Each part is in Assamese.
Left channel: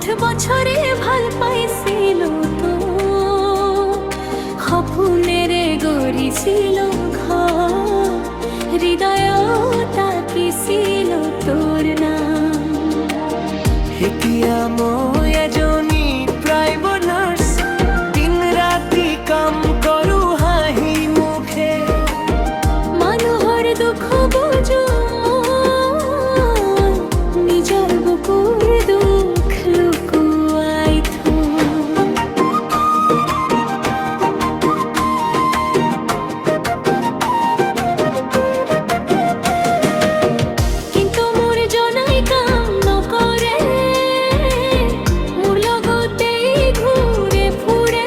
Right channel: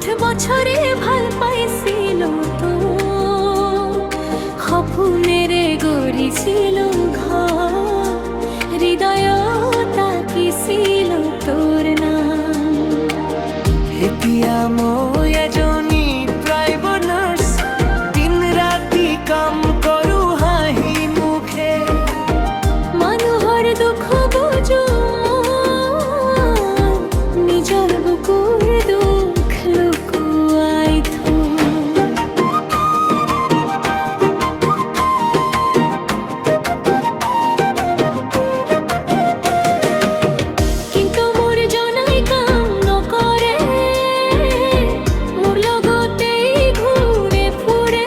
বছৰে ভাল পাইছিল তো সপোনেৰে গঢ়িছিল ঘৰ হৃদয়ত আঁকিছিল তোৰ নাম এতিয়া মই এজনী প্ৰাইভেট নাৰ্ছ দিন ৰাতি কাম কৰোঁ হাঁহি মুখে মানুহৰ দুখ বুজো নিজৰ বুকুৰ দুখ লুকুৱাই থওঁ কিন্তু মোৰ জনাই কাম নকৰে মোৰ লগতেই ঘূৰে ফুৰে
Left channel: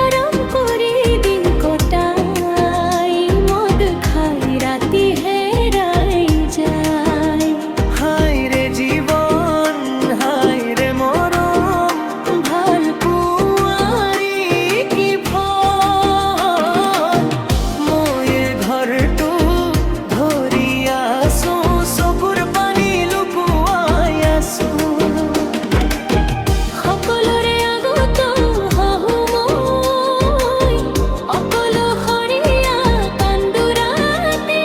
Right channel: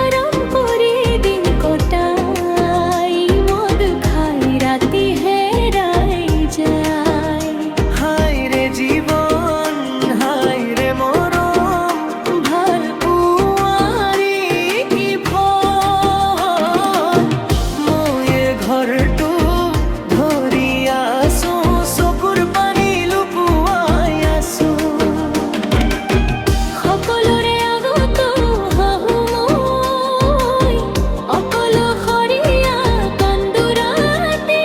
আৰাম কৰি দিন কটাই মদ খাই ৰাতি হেৰাই যায় হায় ৰে জীৱন হায় ৰে মৰম ভাল পুৱাৰী কি ফল মই ঘৰটো ধৰি আছো চকুৰ পানী লুকুৱাই আছো সকলোৰে আগত হাহো মই অকলশৰীয়া কান্দো ৰাতি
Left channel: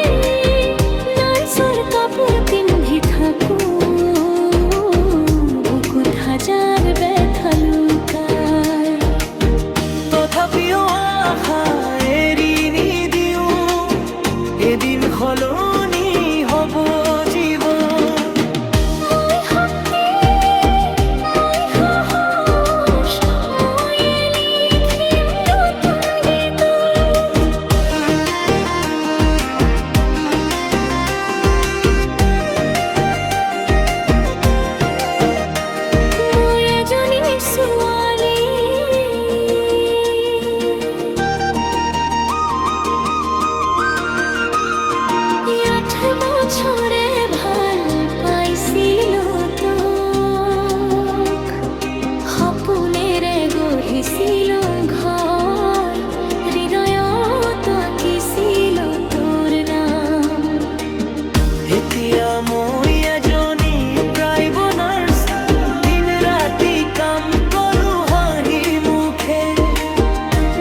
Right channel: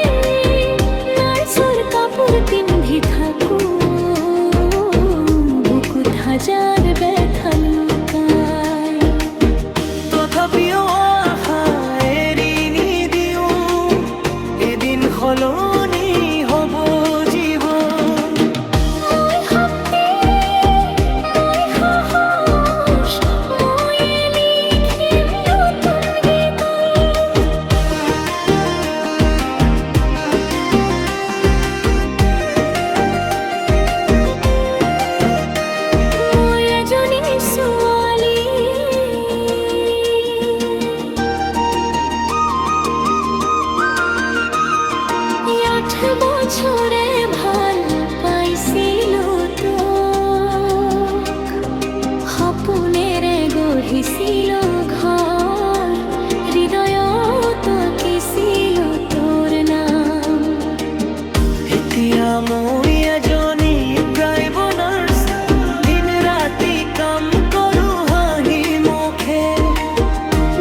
নাৰ্ছৰ কাপোৰ পিন্ধি থাকো বুকুত হাজাৰ ব্যথা লুকাই তথাপিও আশা এৰি নিদিওঁ এদিন সলনি হ'ব জীৱন মই শক্তি মই সাহস মই লিখিম নতুন গীত মই এজনী ছোৱালী আঠ বছৰে ভাল পাইছিলো তোক সপোনেৰে গঢ়িছিলো ঘৰ হৃদয়ত আঁকিছিলো তোৰ নাম এতিয়া মই এজনী প্ৰাইভেট নাৰ্ছ দিন ৰাতি কাম কৰোঁ হাঁহি মুখে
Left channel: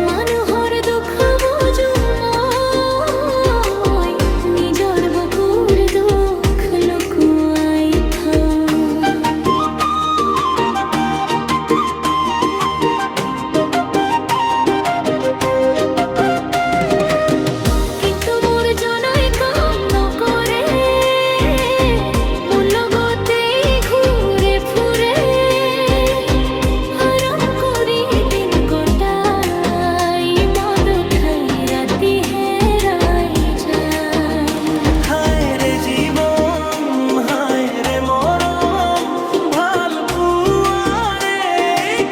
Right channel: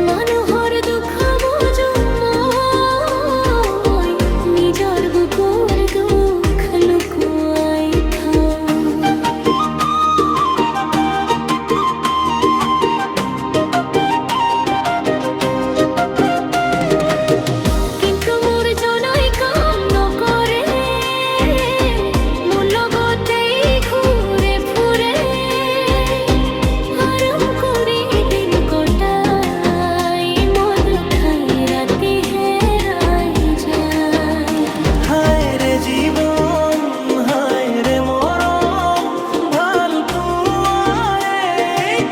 মানুহৰ দুখ বুজো মই নিজৰ বুকুৰ দুখ লুকুৱাই থওঁ কিন্তু মোৰ জনাই কাম নকৰে মোৰ লগতেই ঘূৰে ফুৰে আৰাম কৰি দিন কটাই মদ খাই ৰাতি হেৰাই যায় হায় ৰে জীৱন হায় ৰে মৰম ভাল পোৱাৰে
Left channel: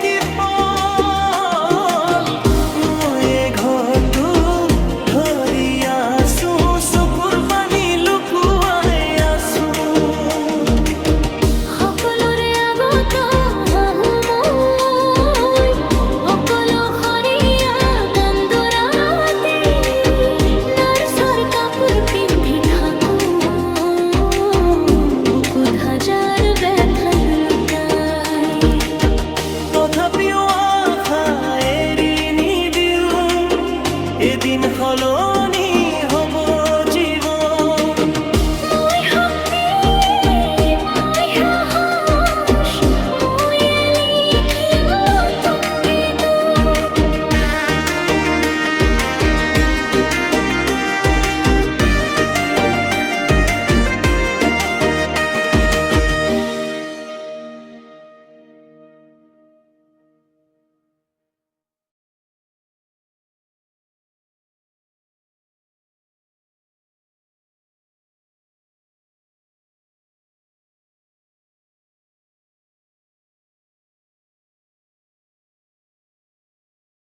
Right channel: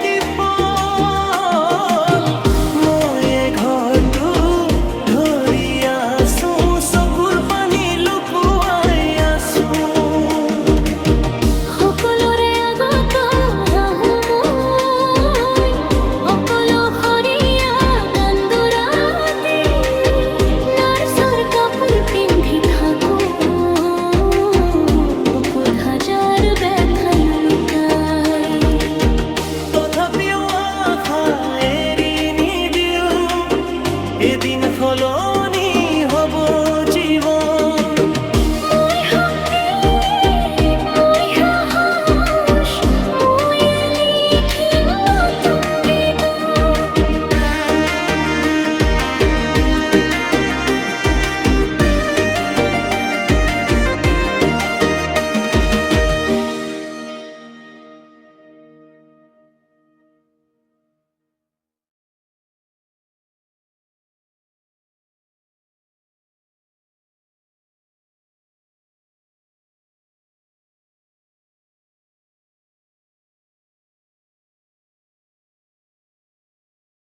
কি ফল মই ঘৰটো ধৰি আছো চকুৰ পানী লুকুৱাই আছো সকলোৰে আগত হাহো মই অকলশৰীয়া কান্দো ৰাতি নাৰ্ছৰ কাপোৰ পিন্ধি থাকো বুকুত হাজাৰ ব্যথা লুকাই তথাপিও আশা এৰি নিদিওঁ এদিন সলনি হ'ব জীৱন